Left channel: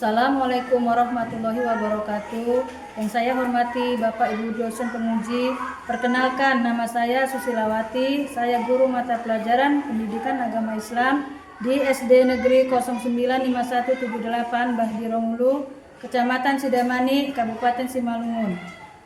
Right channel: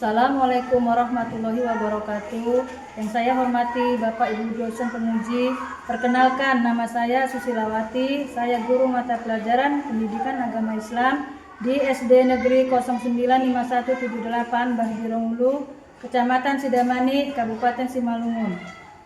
Assalamualaikum warahmatullahi wabarakatuh. Yang saya hormati Bapak Ibu dosen penguji, perkenalkan nama saya Susilawati. Saya guru mata pelajaran Pendidikan Agama Islam di SD Negeri 095178 Bahdironglu, Kecamatan Sidamani, Kabupaten Simalungun.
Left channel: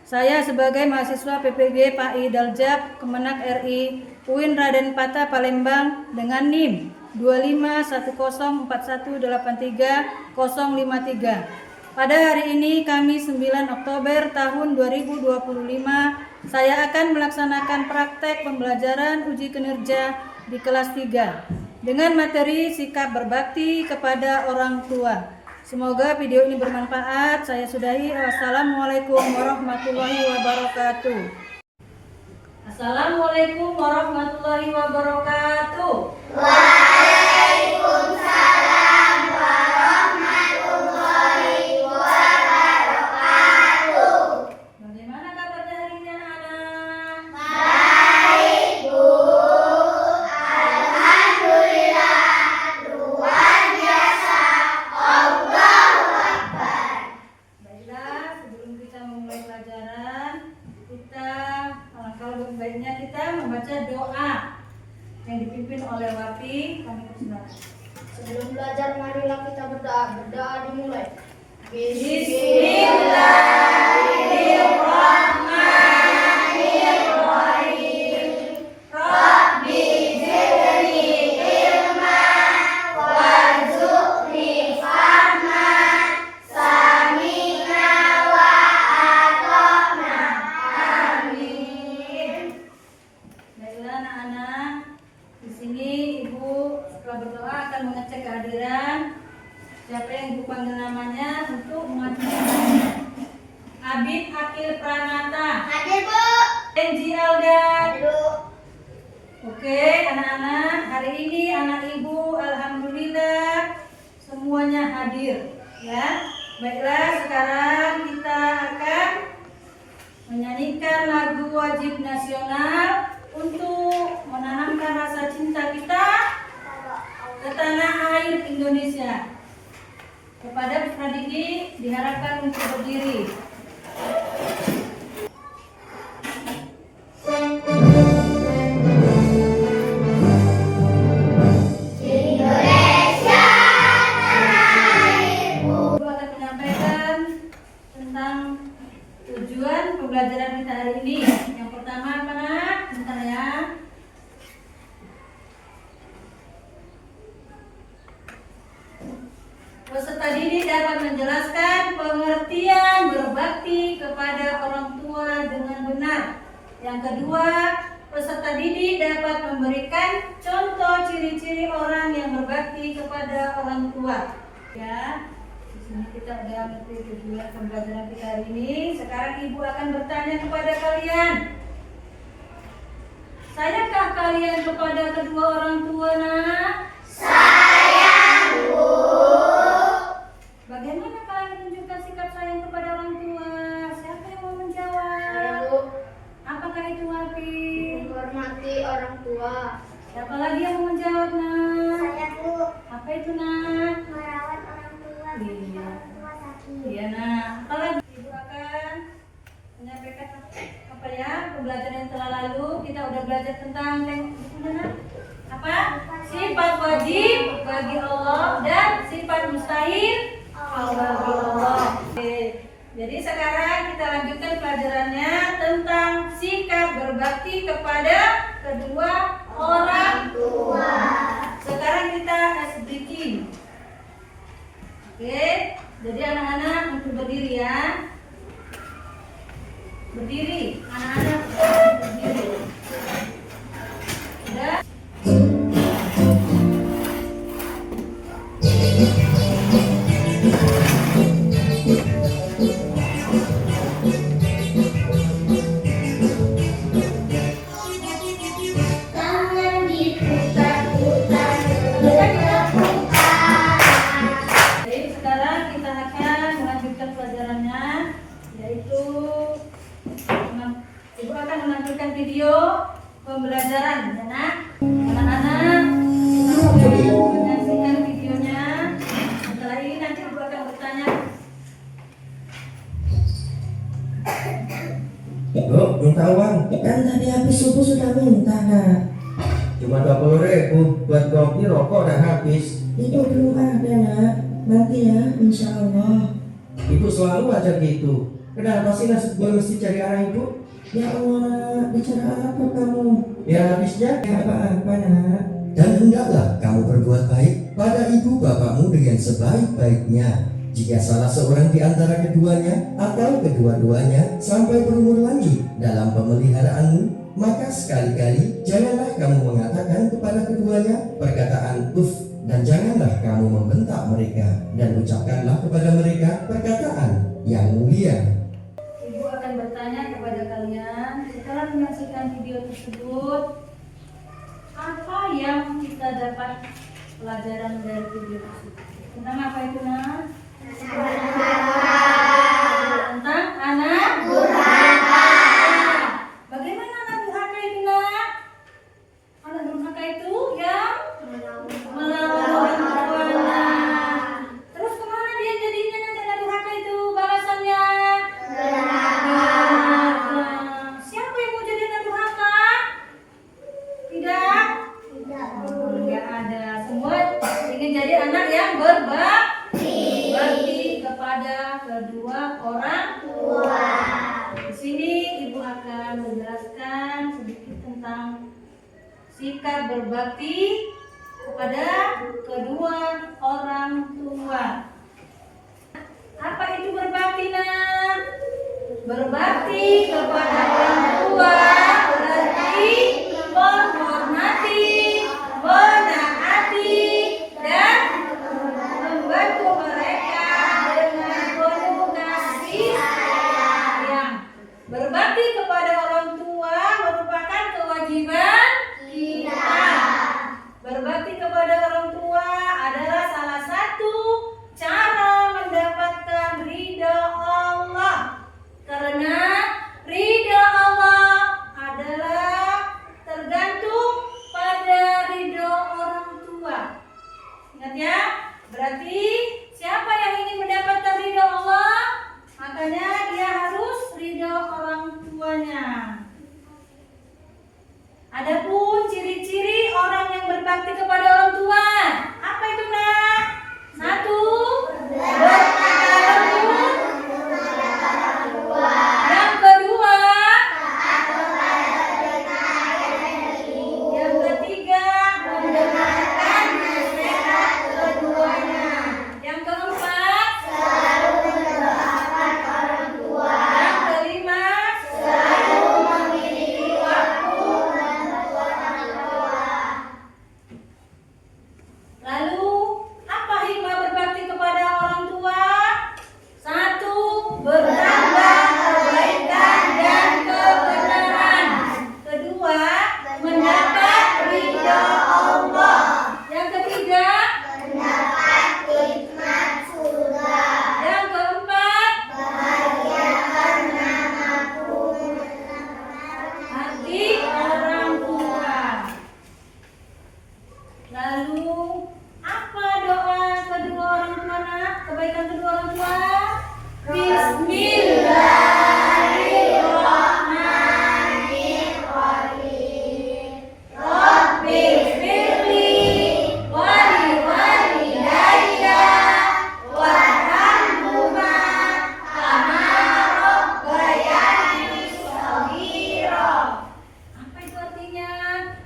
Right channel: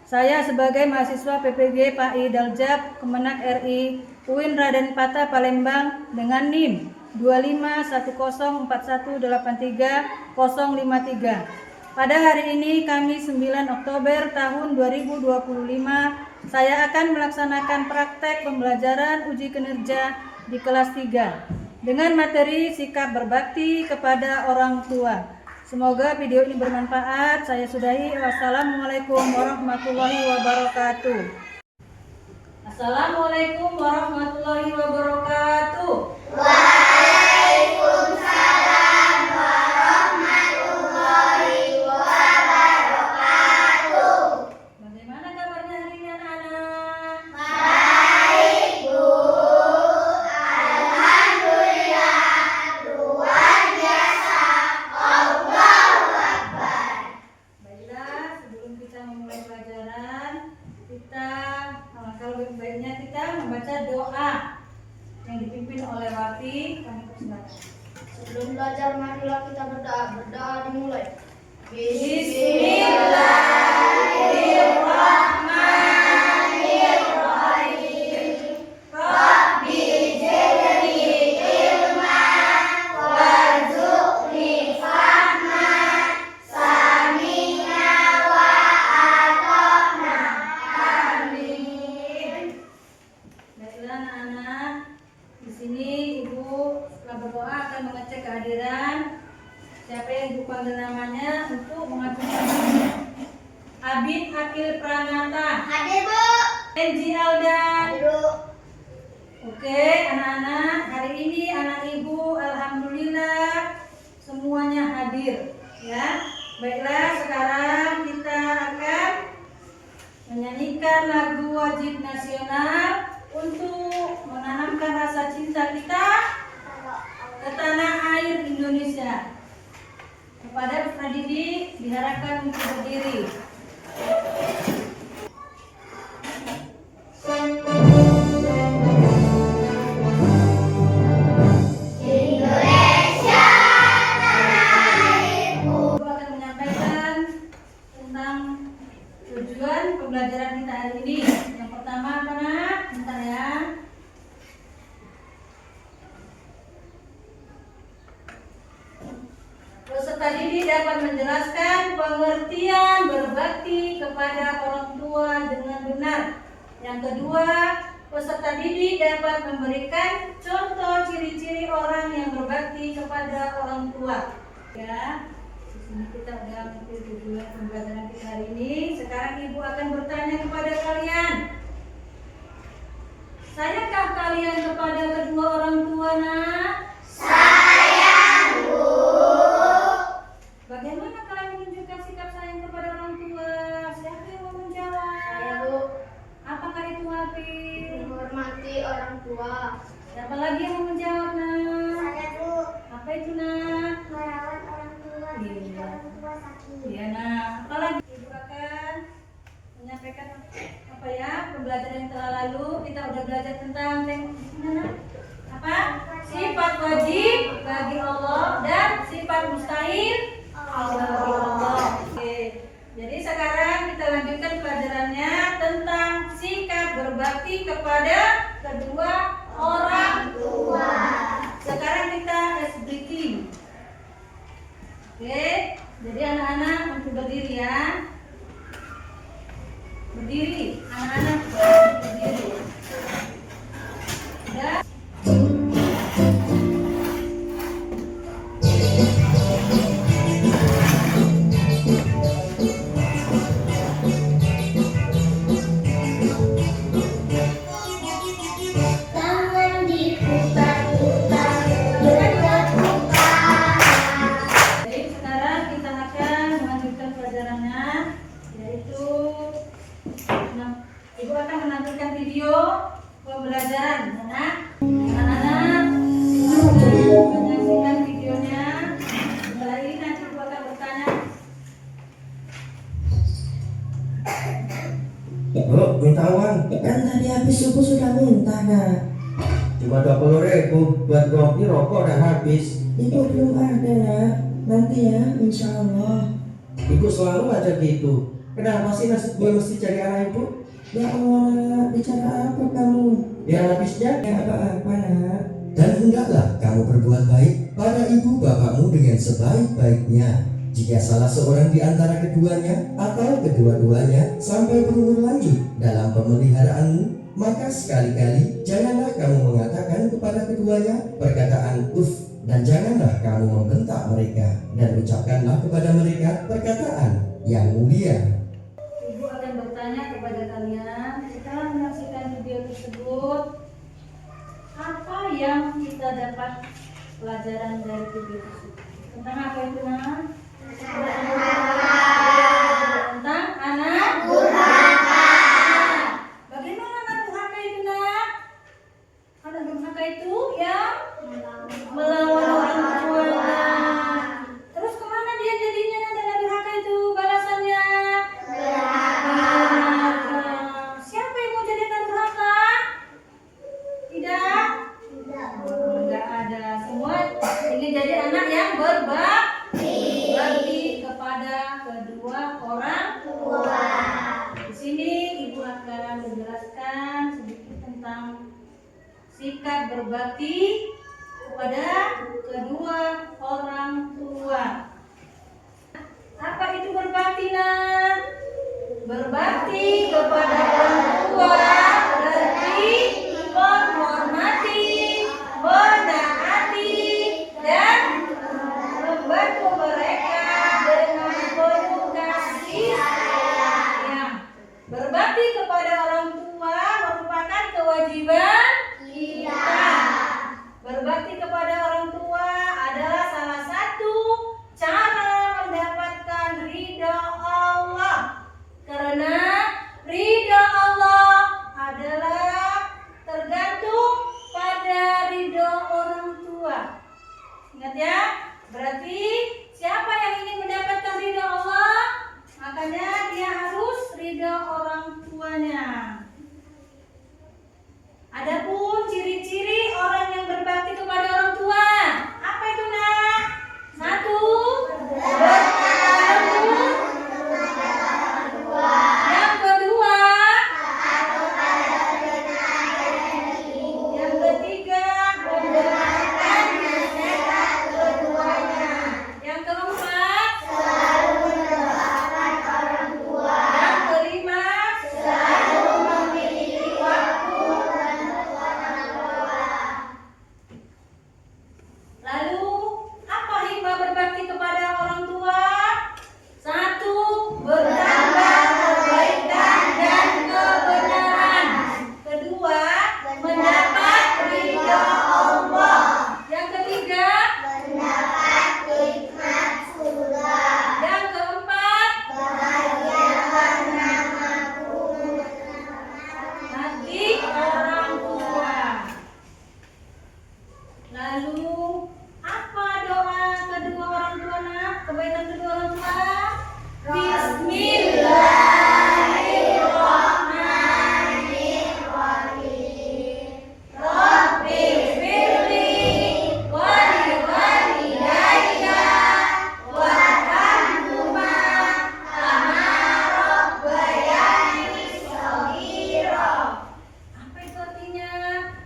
Saya sebagai mahasiswa PPG PAI Daljab Kemenak RI UIN Raden Patah Palembang dengan NIM 25104183053. Pada hari ini Kamis 9 Oktober tahun 2025, saya akan melaksanakan praktek pembelajaran uji kinerja di kelas 3 dengan materi sikap berbakti kepada orang tua. Semoga video ini bermanfaat. Saya sudahi. Wassalamualaikum warahmatullahi wabarakatuh. Assalamualaikum warahmatullahi wabarakatuh. Waalaikumsalam warahmatullahi wabarakatuh. Bagaimana kabarnya hari ini anak-anak? Baik, Bu. Alhamdulillah. Luar biasa. Allahu Akbar. Baiklah, sebelum kita memulai pelajaran, kalau baiknya kita membaca doa yang dipimpin oleh Wafi. Kami persilakan. Sebelum belajar, marilah kita berdoa. Berdoa dimulai. Bismillahirrahmanirrahim. Rabbi zidni ilman warzuqni fahman sami'na wa ata'na. Amin. Baiklah anak-anak, di sini Ibu setelah berdoa akan mengecek kehadiran siapa yang Ibu panggil namanya untuk mengajukan. Abid Akil Pranata, Hadir, Bu. Enji Aldan. Hadir, Bu. Oke anak-anak, hari ini anak Ibu alhamdulillah semuanya hadir ya. Baiklah, sekarang kita akan menyanyikan lagu wajib nasional untuk menanamkan rasa cinta kita ke tanah air Indonesia. Kepada peserta didik diharapkan untuk berdiri. Indonesia tanah airku. Ibu akan menyampaikan tentang tujuan pembelajaran kita hari ini. Yang pertama apa nak? Bentar ya. Peserta didik dapat menjelaskan pengertian berbakti kepada orang tua dengan benar. Yang kedua, peserta didik dapat memberikan contoh ciri-ciri orang yang berbakti kepada orang tua. Ya, di sini kita udah ngerti tujuan pembelajaran kita hari ini. Sekarang Ibu akan bertanya kepada kalian. Sayangkah kalian kepada kedua orang tua nak? Sayang, Bu. Bagaimana kalian menunjukkan sikap sayang kepada orang tua? Siapa yang mau menjawab? Bu. Apakah itu Wafi? Menghormati orang tua. Siapa lagi yang mau menjawab nak? Saya, Bu. Apa itu nak? Merawat orang tua ketika orang tua sakit. Iya nak. Apalagi Ibu akan menyampaikan apa ya pembelajaran yang telah lalu. Kita udah belajar tentang mana? Apa? Sifat wajib bagi Allah dan sifat mustahil bagi Allah. Oke. Jadi sekarang kita lanjutkan pelajarannya tentang sikap berbakti kepada kedua orang tua. Sekarang kita speaking. Oke, jadi anak-anak untuk berdiri ya. Berdiri, anak-anak berdiri. Sudah? Tangan di habis subuh sudah minta, Nak. Cuma 20.000 buat kopi rokok dan habis. Itu belum ada, Nak. Nanti ya, insya Allah. Ibu selalu aja gitu. Kenapa sih nasib gue mesti cari anak ibu? Ya Allah, bicara apa kamu? Ya habisnya Ya apa-apa, Nak. Dan hendaklah kamu berbuat baik pada ibu bapakmu dengan sebaik-baiknya. Jika salah seorang di antara keduanya atau kedua-duanya sampai berumur lanjut dalam pemeliharaanmu, maka sekali-kali janganlah kamu mengatakan kepada keduanya perkataan "uf", dan janganlah kamu membentak mereka, dan ucapkanlah kepada mereka perkataan yang mulia. Ibu akan bertanya kepada kalian setelah menyaksikan video tersebut, apa yang kita dapat pelajaran dari video tersebut? Tentang apa itu, Nak? Tentang anak durhaka. Bagaimana anak durhaka itu, Nak? Anak durhaka itu yang melawan orang tuanya. Terus kemana dia jadinya nanti anak durhaka itu balasannya? Durhaka. Siapa yang mau jadi anak durhaka? Tidak? Tidak ada. Semua ingin jadi anak yang berbakti kepada kedua orang tua. Di sini ibu akan menjelaskan sedikit tentang sikap berbakti kepada kedua orang tua. Apa itu berbakti, Nak? Berbakti kepada orang tua berarti menghormati, menaati, dan membantu mereka dengan penuh kasih sayang. Berbakti kepada orang tua merupakan kewajiban kita. Berbakti kepada orang tua adalah salah satu cara mendapatkan ridha Allah. Karena ridha Allah adalah tergantung pada ridha orang tua. Ingat ya, berarti siapa yang ingin mendapatkan ridha Allah, makanya dia harus ridha orang tuanya. Adapun ciri-ciri orang yang berbakti kepada orang tua, apa itu, Nak? 1. Berkata lembut. Yang kedua, yang ketiga, mendengarkan nasihat keduanya. Yang keempat, selalu mendoakan orang tua. Yang kelima, selalu memiliki waktu untuk orang tua. Lalu, apa hikmah berbakti kepada orang tua? 1. Bertambah kebaikan dan kebenaran. Kedua, mendapat ridha Allah. Yang ketiga, mendapat nikmat surga. Yang keempat, bahagia karena mampu hati orang tua. Lalu, apa doa kedua orang tua, Nak? Kebaikan kedua orang tua? Bismillahirrahmanirrahim. Rabbighfirli wa liwalidayya warhamhuma kama rabbayani shaghira. Apa itu artinya?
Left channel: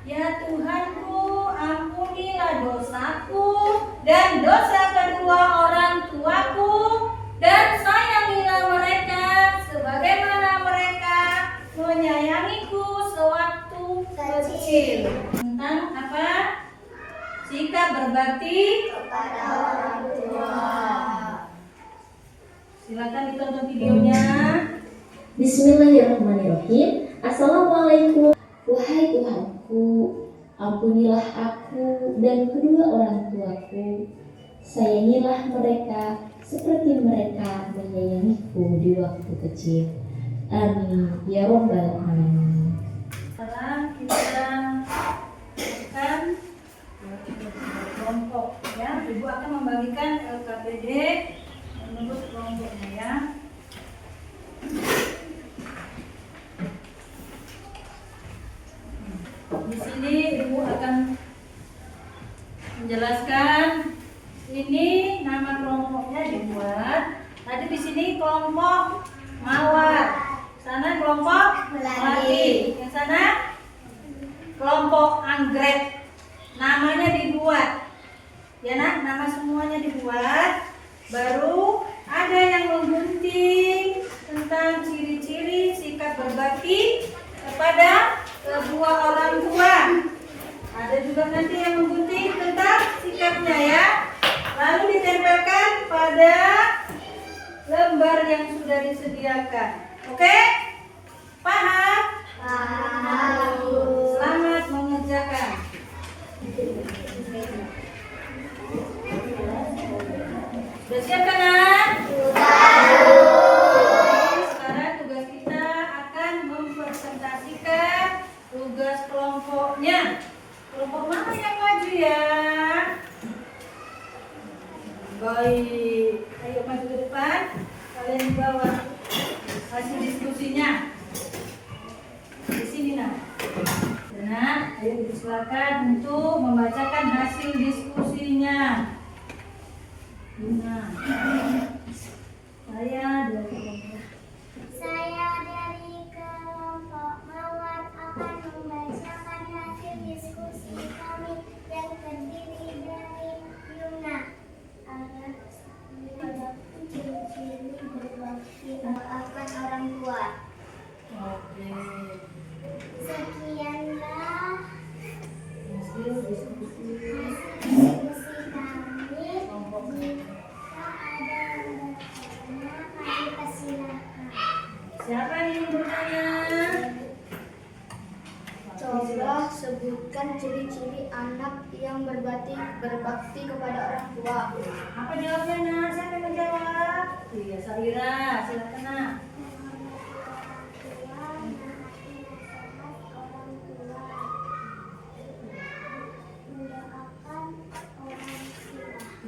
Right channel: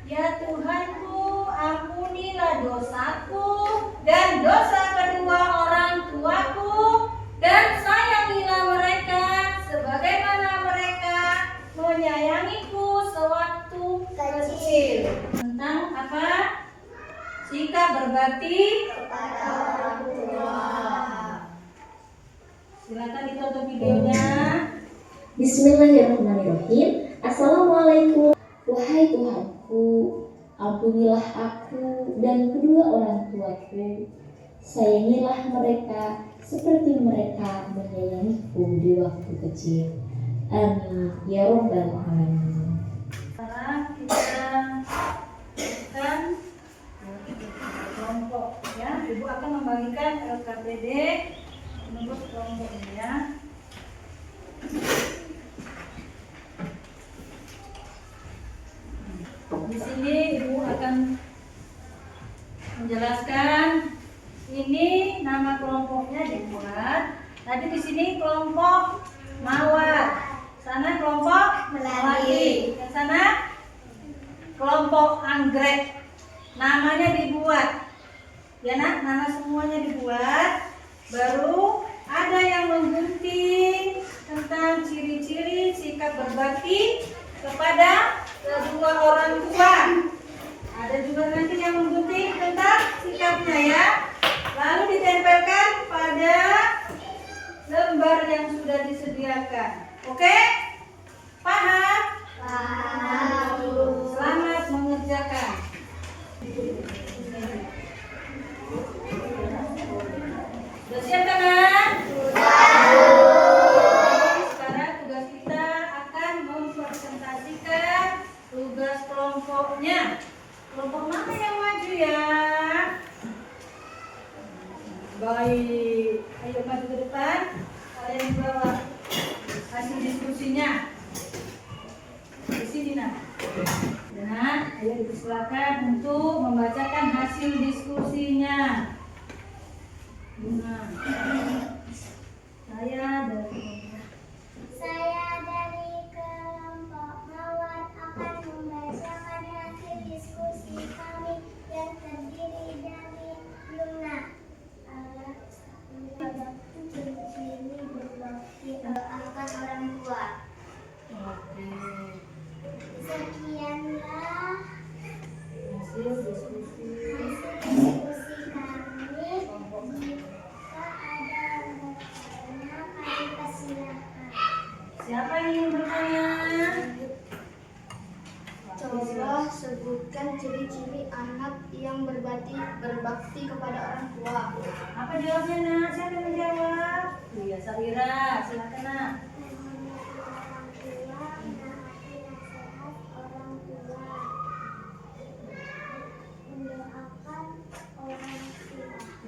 Ya Tuhanku, ampunilah dosaku dan dosa kedua orang tuaku, dan sayangilah mereka sebagaimana mereka menyayangiku sewaktu kecil. Tentang apa? Sikap berbakti kepada orang tua. Silakan ditonton videonya. Bismillahirrahmanirrahim. Assalamualaikum. Wahai Tuhanku, ampunilah aku dan kedua orang tuaku. Sayangilah mereka seperti mereka menyayangiku di waktu kecil. Amin ya Rabbal Alamin. Sekarang kita akan kelompok ya. Ibu akan membagikan LKPD menurut kelompoknya ya. menjelaskan ini nama kelompoknya dibuat. Tadi di sini kelompok mawar, sana kelompok melati, ke sana kelompok anggrek. Namanya dibuat, ya nak, nama semuanya dibuat. Baru ada yang menggunting tentang ciri-ciri sikap berbakti kepada kedua orang tua. Ada juga nanti yang menggunting tentang sikapnya ya. Lalu ditempelkan pada lembar yang sudah disediakan. Oke? Paham? Paham. Selamat mengerjakan. Sudah siap kan, Nak? Sekarang tugas kita akan mempresentasikan tugas kelompoknya. Kelompok mana yang maju ya? Baik, ayo maju ke depan. Kalian bawa hasil diskusinya. Di sini nak. Nah, ayo dipersilakan untuk membacakan hasil diskusinya. Nah, Saya dari kelompok Mawar akan membacakan hasil diskusi kami yang terdiri dari Luna. Ada ciri-ciri berbakti akan orang tua. oke. Sekianlah Hasil diskusi diskusi kami. Jika ada bertanya, kami persilahkan. Siapa yang ingin bertanya? Coba sebutkan ciri-ciri anak yang berbakti kepada orang tua. Apa jawabnya nak? Siapa yang menjawab? Iya, Saira, silakan nak.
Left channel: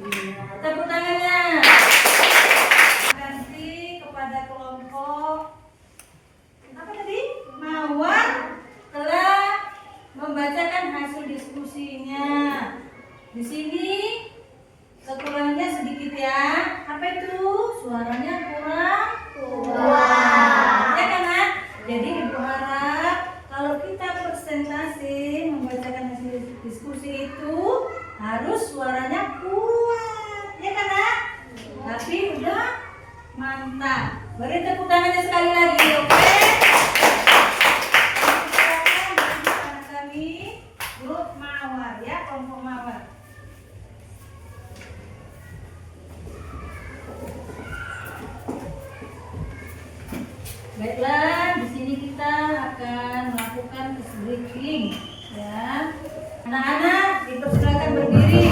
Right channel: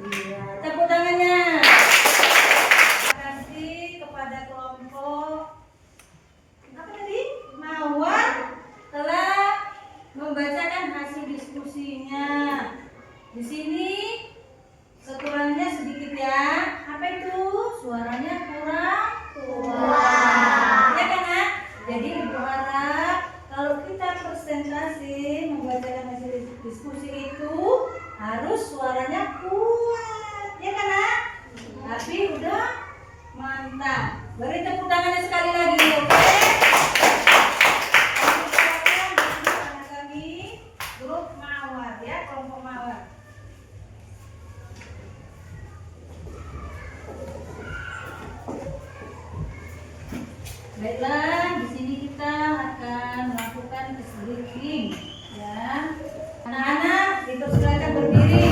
Iya, tepuk tangannya. Terima kasih kepada kelompok apa tadi? Mawar telah membacakan hasil diskusinya. Di sini kekurangannya sedikit ya. Apa itu? Suaranya kurang kuat. Ya kan, Nak? Jadi Ibu harap kalau kita presentasi membacakan hasil diskusi itu harus suaranya kuat. Ya kan, Nak? Tapi udah mantap. Beri tepuk tangannya sekali lagi, oke? Anak kami grup Mawar ya, kelompok Mawar. Baiklah, di sini kita akan melakukan breathing ya. Anak-anak dipersilakan berdiri.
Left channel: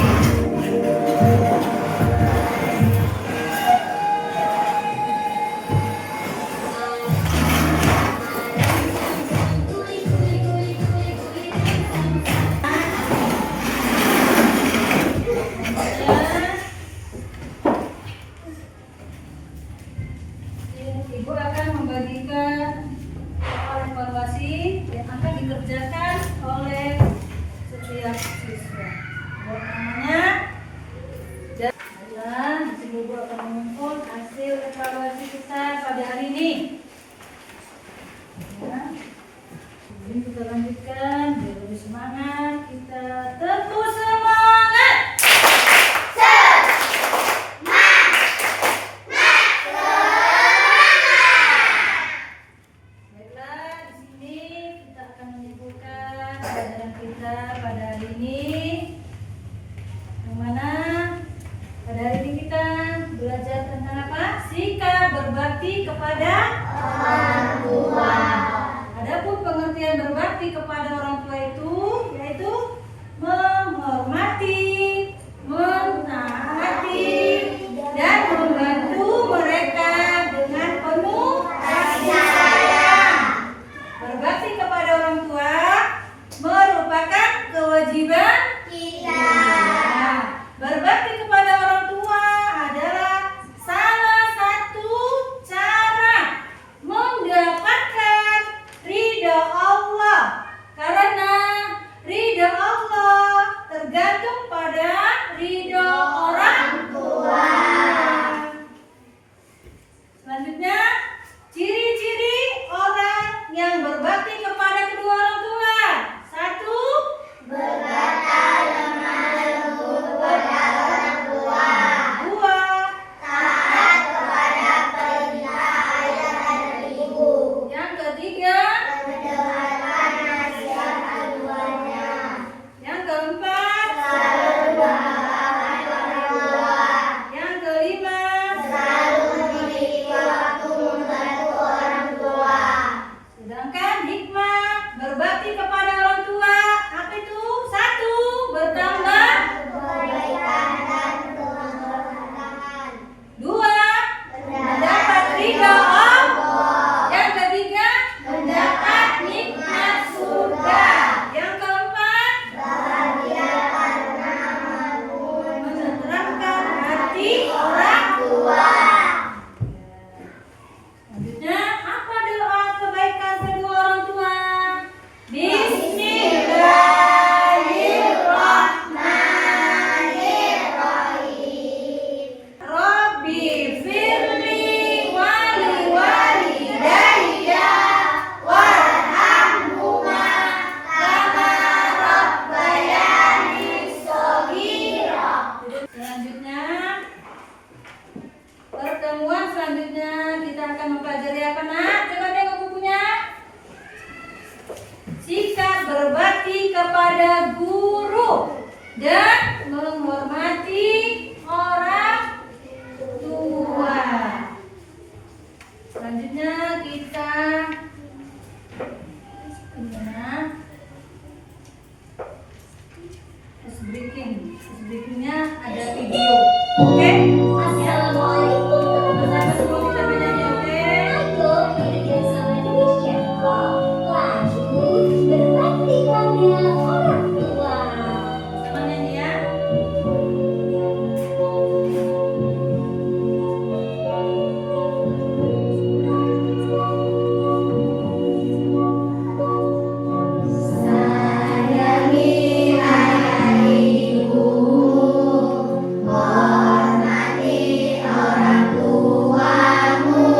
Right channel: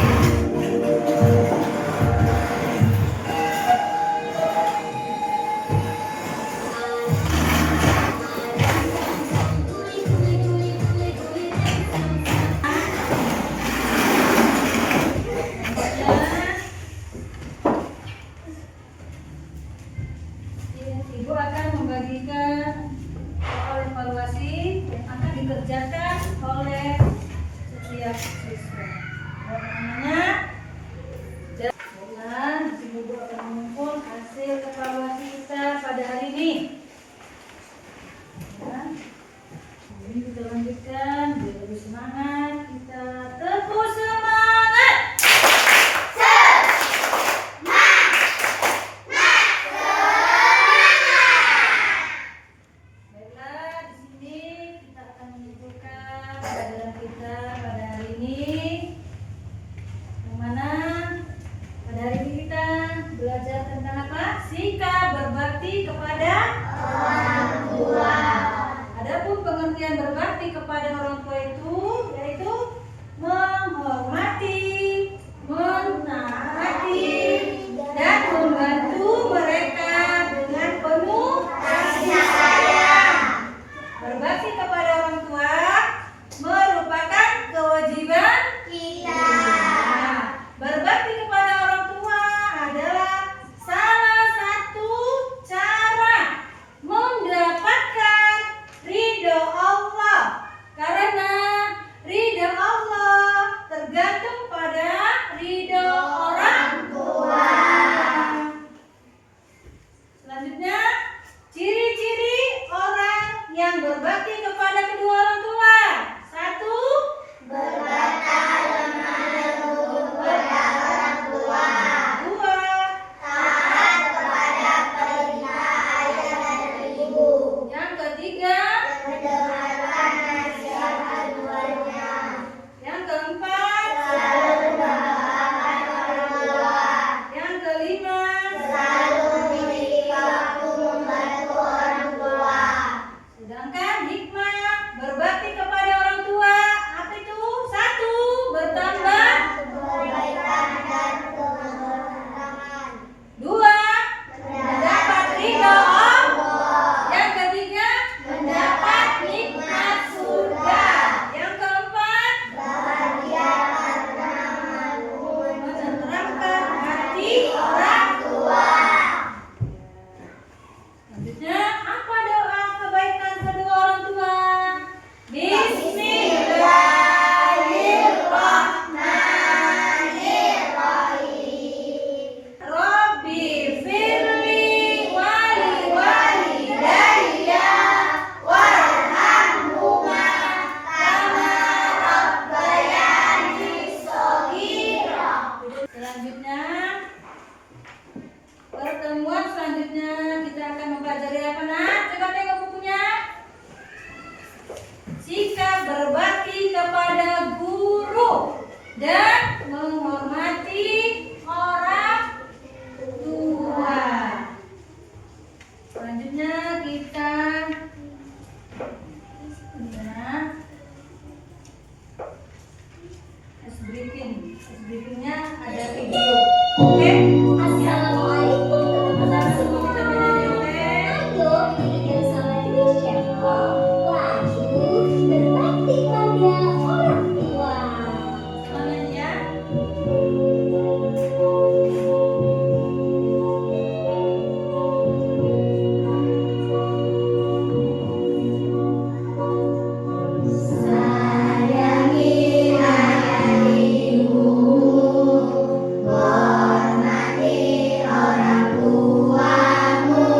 Ibu akan membagikan soal evaluasi yang akan dikerjakan oleh menghormati orang tua. Selanjutnya kita breakingnya ada video. Oke? Assalamualaikum Sama-sama semua kita menyanyi, oke? Ayo hidup bersama Indonesia. Lalu berbakti pada orang tua. Sama nyanyi ya. Sayangi ayah ibu, hormati orang tuamu,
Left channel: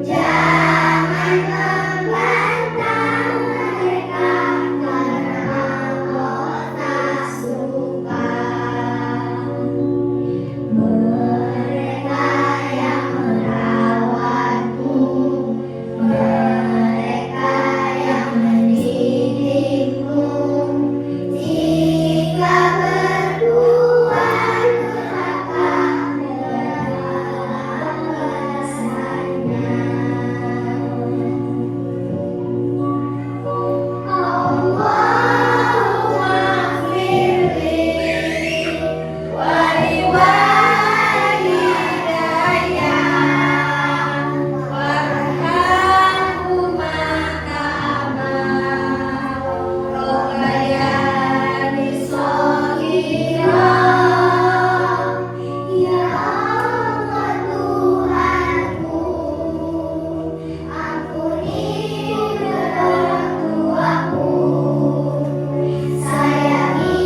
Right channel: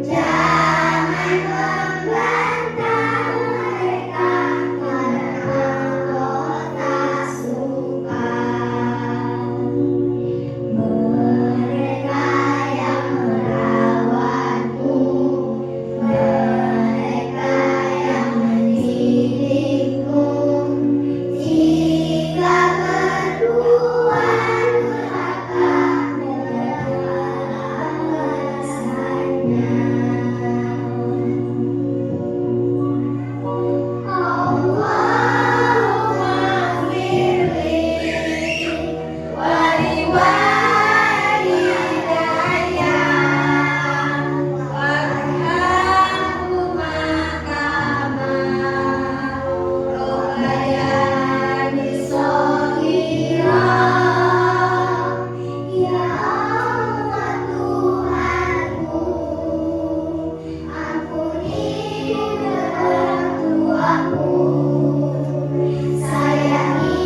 jangan membantah mereka karena Allah tak suka. Mereka yang merawatmu, mereka yang mendidikmu, jika berbuat durhaka negaralah balasannya. Allahumma firli waliwalidayya warhamhuma kama rabbayani shaghira. Ya Allah Tuhanku, ampuni orang tuaku, sayangi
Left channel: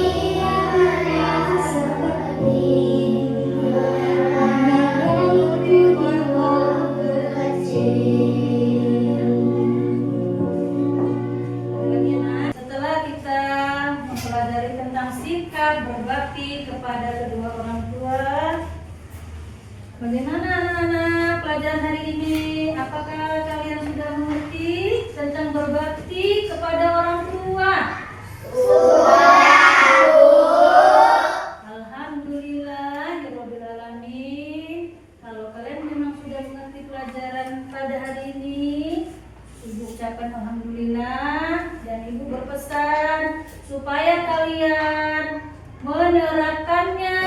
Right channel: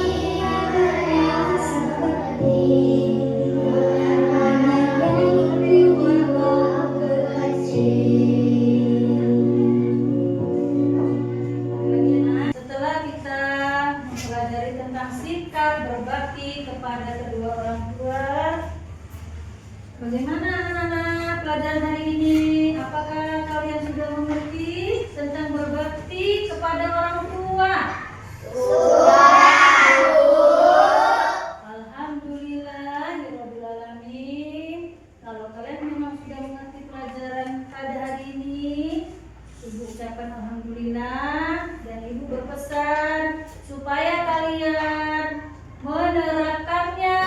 mereka seperti menyayangiku di waktu kecil. Setelah kita mempelajari tentang sikap berbakti kepada kedua orang tua, bagaimana anak-anak pelajaran hari ini? Apakah kalian sudah mengerti tentang berbakti kepada orang tua? Alhamdulillahirrabbilalamin. Kalau kalian memang sudah mengerti pelajaran pada hari ini, Ibu ucapkan alhamdulillah dan Ibu berpesan supaya kalian menerapkannya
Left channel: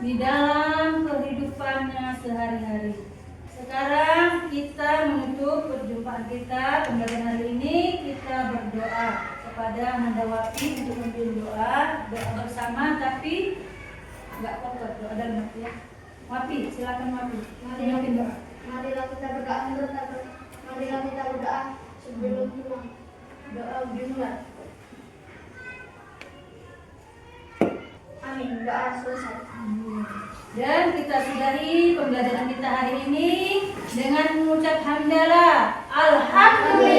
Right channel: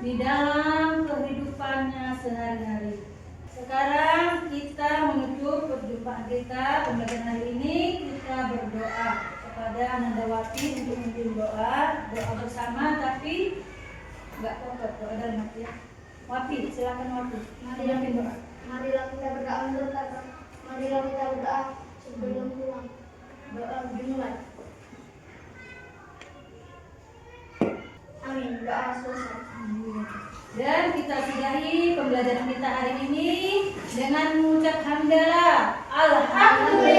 di dalam kehidupannya sehari-hari. Sekarang kita menutup perjumpaan kita pembelajaran hari ini, kita berdoa kepada Nandawati untuk memimpin doa bersama, tapi nggak kotor, doa dalam hati ya. Wapi, silakan Wapi, memimpin doa. Marilah kita berdoa, marilah kita berdoa sebelum pulang. Doa dimulai. Amin. Doa selesai. Dan kita sudahi pembelajaran kita hari ini dengan mengucap hamdalah. Alhamdulillah.